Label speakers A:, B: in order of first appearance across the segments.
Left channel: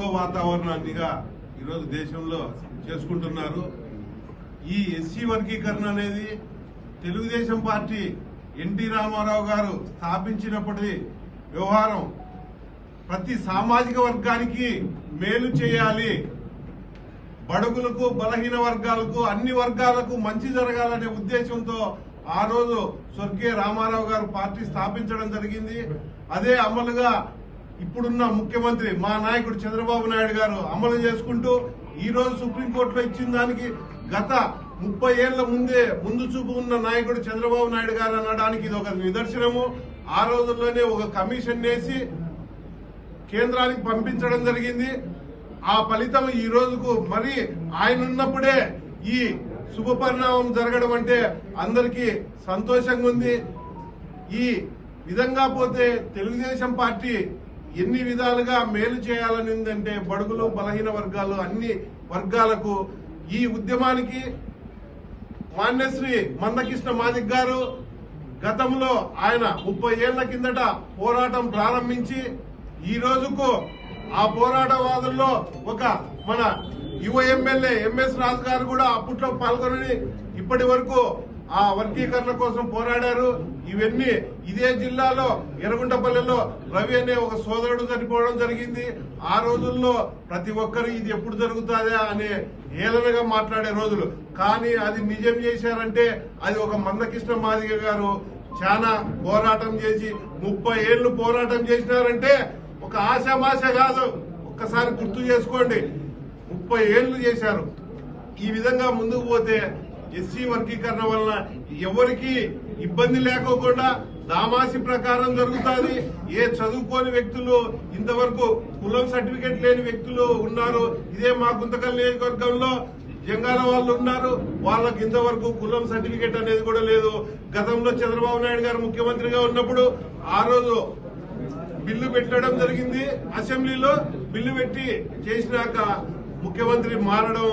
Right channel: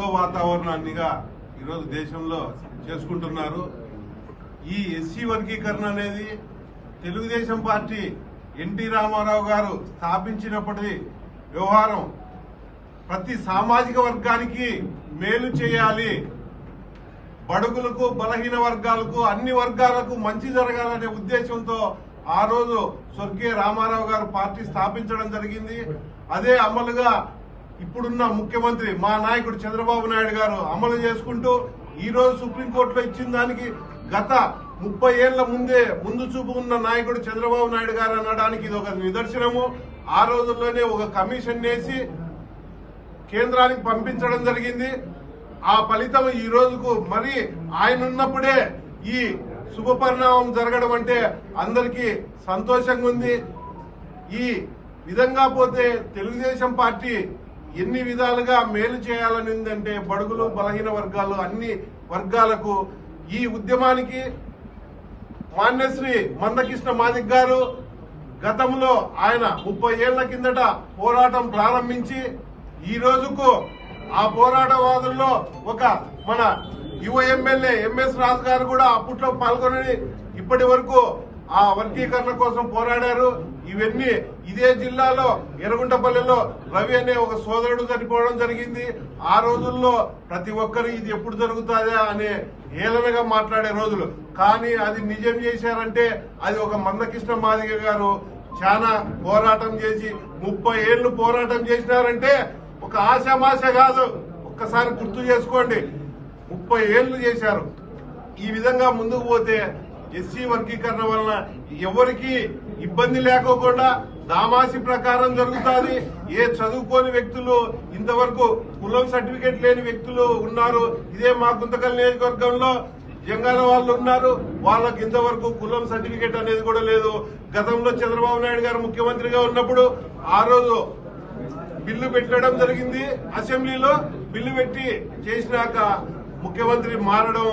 A: గౌరవాన్నిగా ఈరోజు దేశంలో చేసుకుంటున్నారు. ఈ ఎస్సీ వర్గీకరణ అనేది తెలుగుదేశం పార్టీ ఎన్టీ రామారావు గారు స్థాపించినప్పటి వ్యవహారం. ప్రతి సామాజిక వర్గానికి మేలు చేయాలి. బడుగులకు బలహీన వర్గాలకు అన్ని వర్గాలకు మంచి జరగాలనే ఉద్దేశంతో ఆ రోజు స్వర్గీయ రామారావు గారు పార్టీ స్థాపించడం జరిగింది. అదే అమలుగా ఇప్పుడున్న ముఖ్యమంత్రి మా నాయకుడు చంద్రబాబు నాయుడు గారు అమలు చేసుకుంటూ ఈ రోజు సుప్రీంకోర్టులో ఇచ్చిన దానికి గత ముప్పై ఏళ్ళ ముందే ముందు చూపు ఉన్న నాయకుడు చంద్రబాబు నాయుడు గారు అనడానికి ఇది ఒక నిదర్శనము. ఆ రోజుల్లోనే ఒక కమిషన్ వేసి కేంద్రానికి పంపించడం జరిగింది. ఆ ఫలితం ఈ రోజుకు మరి ఆయన ఉన్నప్పుడే ఈ శుభ పరిణామం జరగడం అంటే అందరికీ సంతోషంగా ఉంది. ఈ విధంగా పోతే తెలుగుదేశం పార్టీ ఎన్ని విధాలుగా మేలు చేయాలని ఉందంటే బడుగులు బలహీన వర్గాలు అన్ని వర్గాలకు ఈ ఉద్యమానికి మాన్యశ్రీ మందకృష్ణ మాదిక్ గారు గతంలో ఆయన ముప్పై ఏళ్ళ కిందట పోరాటం ప్రారంభించి ఈ రోజుకు ఆ పోరాటవాదుల్లో ఒక మన యువ ఎమ్మెల్యే ఎంఎస్ రాజు గారు కూడా అప్పట్లో పాల్గొని ఇప్పటి వరకు ఆ వర్గీకరణ కోసం పోరాడారు. ఇవన్నీ ఇదే జిల్లాలో ఎరగుంటపల్లిలో రవి అనే ఒక సోదరుడు చనిపోవడం జరిగింది. ఆ రోజుల్లో ప్రతి ఒక్కరు ఇది ఎప్పుడు జరుగుతుందా అనే ఏలనగా మాట్లాడే రోజులు. కానీ అది నిజం చేశారంటే అది ఒక మందకృష్ణ మాదిగ గారు చాలా పోరాటం చేసి ముప్పై ఏళ్ళు పోరాటం చేసినారంటే ఒక ఆశామాష కాదు. ఒక్కసారి గుర్తు చేసుకోండి. ముప్పై ఏళ్ళు చేశారు. ఈ విధంగా ముందుకు పోతే ఎస్సీ వర్గీకరణ వలన ఎవరికి ఇబ్బంది లేకోకుండా దామాసి ప్రకారం జరుగుతుంది. ఏ చదువుకోని వ్యక్తులు ఇంతవరకు కులం సర్టిఫికేట్ లేని వ్యక్తులు ఉన్నారు. ఇదే మా గుంతకల్ నియోజకవర్గంలో జంగాల వాళ్ళు ఉన్నారు. వాళ్ళకి ఇంతవరకు కులం సర్టిఫికేట్ అనేది కూడా లేదు. గతంలో చంద్రబాబు నాయుడు గారు ముఖ్యమంత్రిగా ఉన్నప్పుడు ఆ రోజు బిల్లు పెట్టడం జరిగింది. అసెంబ్లీలో బిల్లు పెట్టి చేసినాక ముఖ్యమంత్రి మారడం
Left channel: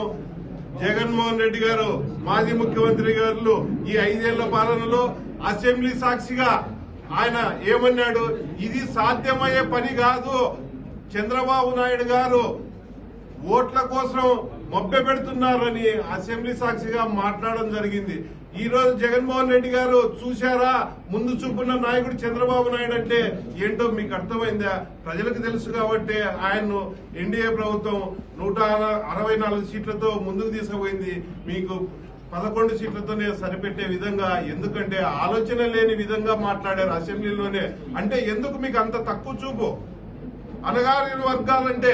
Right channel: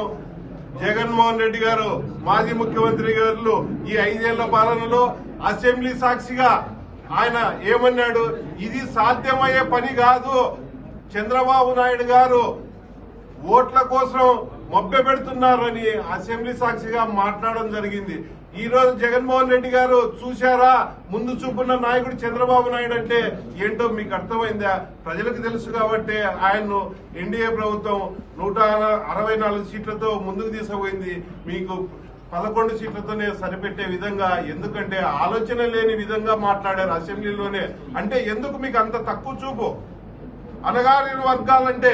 A: జగన్మోహన్ రెడ్డి గారు మాజీ ముఖ్యమంత్రి గారు ఈ ఐదేళ్ళ పాలనలో అసెంబ్లీ సాక్షిగా ఆయన ఏమన్నాడు? ఇది సాధ్యమయ్యే పని కాదు. చంద్రబాబు నాయుడు గారు ఓట్ల కోసం మభ్య పెడుతున్నారని అసెంబ్లీ సాక్షిగా మాట్లాడడం జరిగింది. ఈ రోజు జగన్మోహన్ రెడ్డి గారు చూశారా? ముందు చూపున్న నాయకుడు చంద్రబాబు నాయుడు అంటే ఏంటో మీకు అర్థమైందా? ప్రజలకు తెలుసు కాబట్టి ఆయన్ను ఎన్డీఏ ప్రభుత్వం నూట అరవై నాలుగు సీట్లతో ముందుకు తీసుకుపోయింది. మీకు పదకొండు సీట్లతోనే సరిపెట్టే విధంగా ఎందుకంటే ఆలోచన లేని విధంగా మాట్లాడారు అసెంబ్లీలోనే. అంటే ఎందుకు మీకు అంత తక్కువ చూపు? అనగారిన వర్గాలంటే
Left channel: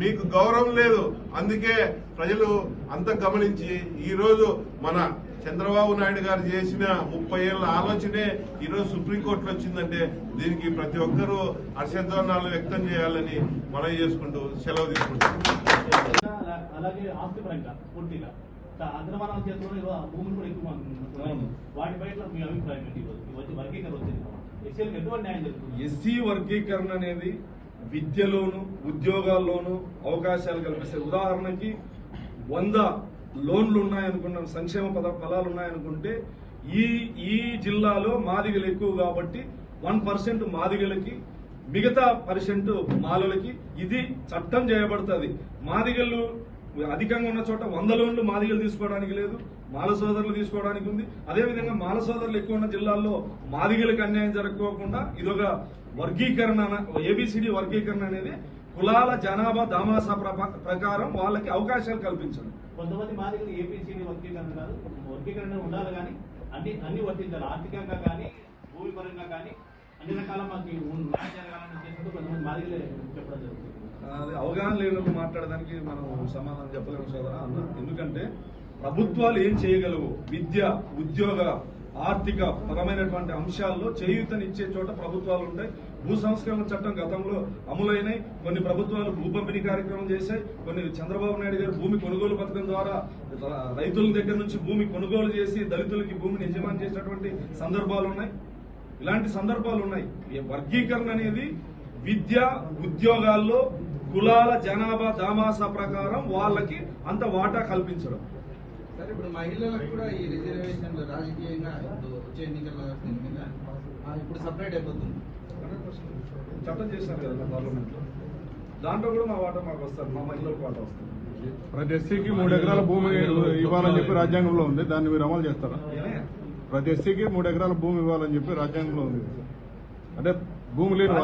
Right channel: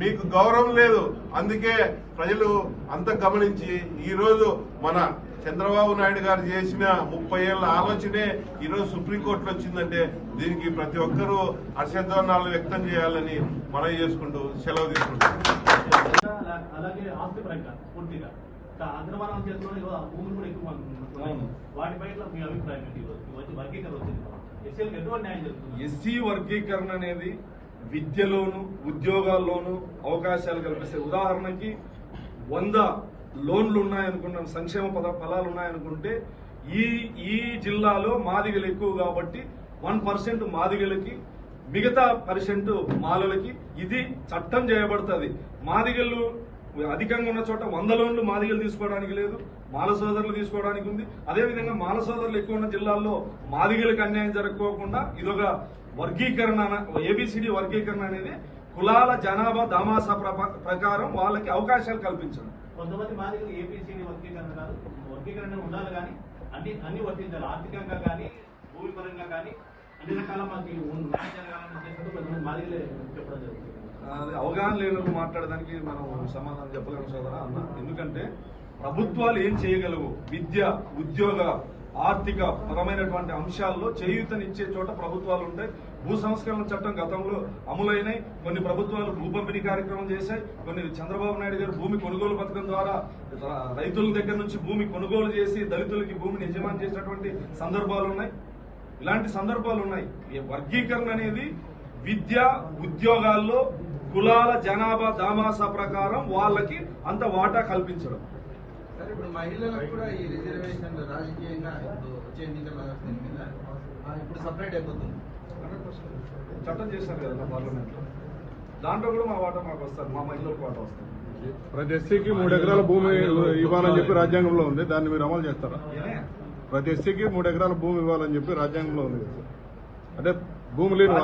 A: మీకు గౌరవం లేదు. అందుకే ప్రజలు అంత గమనించి ఈరోజు మన చంద్రబాబు నాయుడు గారు చేసిన ముప్పై ఏళ్ళ ఆలోచనే ఈ రోజు సుప్రీంకోర్టులో వచ్చిందంటే దీనికి ప్రతి ఒక్కరూ హర్షధ్వానాలు వ్యక్తం చేయాలని మనవి చేసుకుంటూ సెలవు తీసుకుంటాం
B: అలాగే ఆస్తి పరంగా పూర్తిగా. అగ్రమణం చేస్తున్న ఇవాళ భూములు కూడా ఎక్కువ
C: అవును.
B: వాటిపై మీ అభిప్రాయం ఏంటి? ఇవాళ? ఇవన్నీ వర్గీకరణ వచ్చింది. ఎస్సీలకు ఎటువంటి న్యాయం జరుగుతుంది?
C: ఎస్సీ వర్గీకరణ అనేది విద్యలోను ఉద్యోగాల్లోనూ అవకాశాలు కల్పిస్తాయి ఉదాహరణకి వంద లోన్లు ఉన్నాయనుకున్నాం సంక్షేమ పద ఫలాలు ఉన్నాయనుకుంటే ఈ ఈ జిల్లాలో మాదిగలు ఎక్కువ కాబట్టి వన్ పర్సెంట్ మాదిగలకి మిగతా పర్సెంట్ మాలులకి ఇది చట్టం చేయబడుతుంది. మాదిగలు అధికంగా ఉన్న చోట వంద లోన్లు మాదిగలు తీసుకోవడానికి లేదు మాల సోదరులు తీసుకోవడానికి ఉంది. అదేవిధంగా మాల సోదరులు ఎక్కువ ఉన్న జిల్లాల్లో మాదిగలకు అన్యాయం జరగకోకుండా ఇదొక వర్గీకరణ ఏబిసిడి వర్గీకరణ అనేది కులాల జనాభా దామాస ప్రకారం వాళ్ళకి అవకాశాలు కల్పించడం.
B: కొంతమంది మాదిరిగా ఏపీసీని వర్గీకరణ వర్గీకరణ ఉండాలి కానీ అన్ని అన్ని వర్తించాలి ఆర్థికంగా కానీ భూమి పరంగా కానీ అన్ని రకాల మాకు న్యాయం జరగాలని ఉద్దేశంతో కొంతమంది మాదిరి చెప్పడం జరుగుతుంది.
C: అవగాహన లేని మాట్లాడడానికి మనం సమాధానం చెప్పగలం సోదరా అన్న. ఎందుకంటే ప్రభుత్వాలు ఏం చేయగలవు? విద్య ఉద్యోగ ఆర్థిక పరమైనటువంటి అంశాల్లో చేయూతనిచ్చే చోట ప్రభుత్వాలు ఉంటాయి భూ సంస్కరణ చట్టం గతంలో అమలైనాయి కొన్ని ప్రభుత్వాలు భూ పంపిణీ కార్యక్రమం చేశాయి. కొన్ని చంద్రబాబు నాయుడు గారు భూమి కొనుగోలు పథకం ద్వారా రైతుల దగ్గర నుంచి భూమి కొనుగోలు చేసి దళితులకి భూమిని యజమాని చేసినటువంటి సందర్భాలు ఉన్నాయి. ఇలాంటి సందర్భాలు ఉన్నాయి. ఈ వర్గీకరణ అనేది విద్య ఉద్యోగాల్లో కులాల జనాభా దామాస ప్రకారం వాళ్ళకి అంత వాటా కల్పించడం.
D: సరే ఇప్పుడు మహిళలకు కూడా ఈ రిజర్వేషన్ రాజకీయంగా ఇప్పుడు వచ్చే ఎన్నికల్లో మీద ఇప్పుడు సపరేట్ అయిపోతుంది.
C: చట్టం చేశారు కదా పార్లమెంట్లో దాంట్లో కూడా మా వాటా మాకు వస్తుంది మా మహిళలకు వాటా వస్తుంది
E: ప్రతి ఎస్సీకి మూడు ఎకరాల భూమి ఇవ్వాలని చెప్పి రాజ్యాంగంలో ఉంది దాన్ని మీరు అమలు చేస్తారా? ప్రతి ఎస్సీకి మూడు ఎకరాల భూమి ఇవ్వాలని చెప్పి రాజ్యాంగంలో ఉంది. అంటే భూమి లేని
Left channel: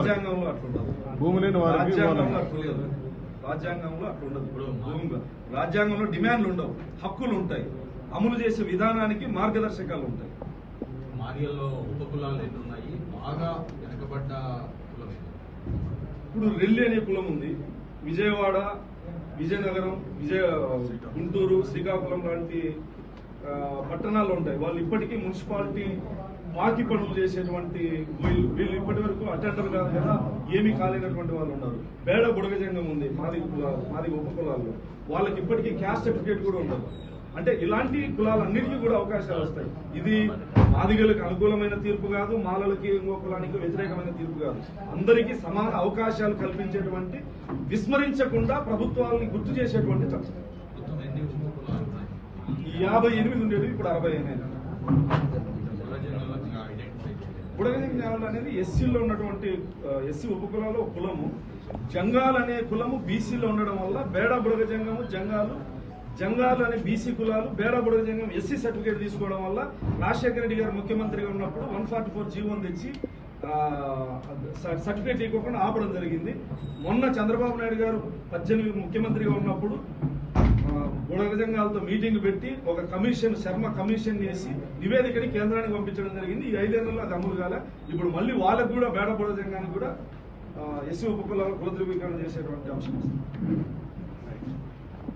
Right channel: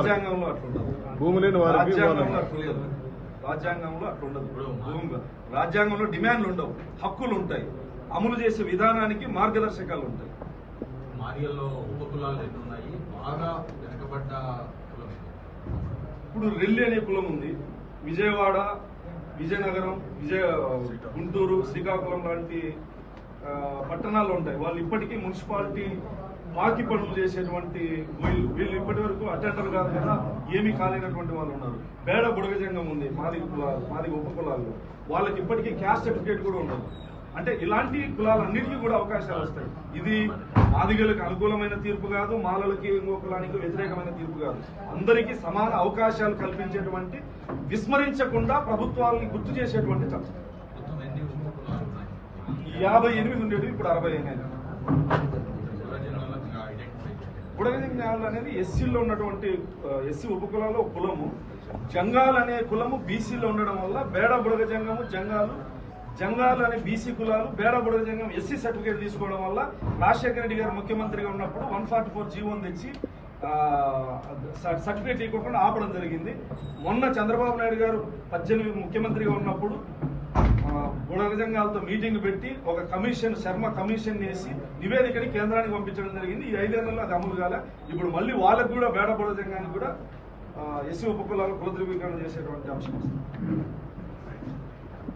E: భూమి లేని వారికి
C: రాజ్యాంగంలో
E: ఇవ్వాలని
C: అట్లుండదు రాజ్యాంగంలో అట్లుండదు భూమి రాజ్యాంగంలో డిమాండ్లు ఉండవు. హక్కులు ఉంటాయి. అమలు చేసే విధానానికి మార్గదర్శకాలు ఉంటాయి. ఇప్పుడు రెల్లి అనే కులం ఉంది. విజయవాడ విజయనగరం విజయ గుంటూరు శ్రీకాకుళం లాంటి పట్టణాల్లో ఉంటాయి. వాళ్ళు ఇప్పటికీ మున్సిపాలిటీ బాకీ పనులు చేసేటువంటి వీళ్ళు వీళ్ళు ఇప్పటి వరకు అటెండర్ కాదు కదా ఏమీ కాలేనటువంటి వాళ్ళు ఉన్నారు. బేడ బుడగజంగం ఉంది మాది కులాలు మాది ఉప కులాలు వాళ్ళకి ఇప్పటికీ క్యాస్ట్ సర్టిఫికేట్ కూడా ఉండదు. అంటే ఇలాంటి కులాలన్నిటికీ కూడా అవకాశాలు వస్తాయి. ఇది ఆదిగలకు అనుకూలమైన తీర్పు కాదు మాలలకి ఇంకో కులానికి వ్యతిరేకమైన తీర్పు కాదు. అందరికీ సమాన అవకాశాలు కల్పించేటువంటి విస్మరించకుండా ప్రభుత్వాలని గుర్తు చేసేటువంటి చట్టం యాభై ఎనిమిది ఉండేవి ఇప్పుడు అరవై అయినాయి
D: ఐడెంటిఫై
C: బుడగజం జ్ఞానులు అనేది ఎస్సీలో ఉన్నటువంటి ఎస్సీ ఉపకులాలు ఒక కులము. జంగాలు అనే కులము బీసీలో ఉండడం వల్ల బేడ బుడగజంగము జంగాలు జంగాలు అనే బీసీ కులాలు బేడ బుడగజంగం ఎస్సీ సర్టిఫికేట్ తీసుకోవడం వల్ల రాజశేఖర రెడ్డి గారు ముఖ్యమంత్రిగా ఉన్నప్పుడు వన్ ఫార్టీ ఫోర్ జీవోని తెచ్చి స- సర్టిఫికేట్ ఇవ్వకుండా ఆపడం జరిగింది. మొన్న చంద్రబాబు నాయుడు గారు పద్దెనిమిది ముఖ్యమంత్రిగా ఉన్నప్పుడు గుణగజంగాలతో మీటింగ్ పెట్టి ఒక కమిషన్ శర్మ కమిషన్ వేసి నివేదికని కేంద్రానికి పంపించడం జరిగింది. ఈ ఐదేళ్ళలో అది అమలు కాలే. ఇప్పుడు మళ్ళీ వాళ్ళకు కూడా బేడ బుడగజంగానికి కూడా ఎస్సీ ఉపకులాలు కుల చేసేటువంటి అంశం వస్తుంది.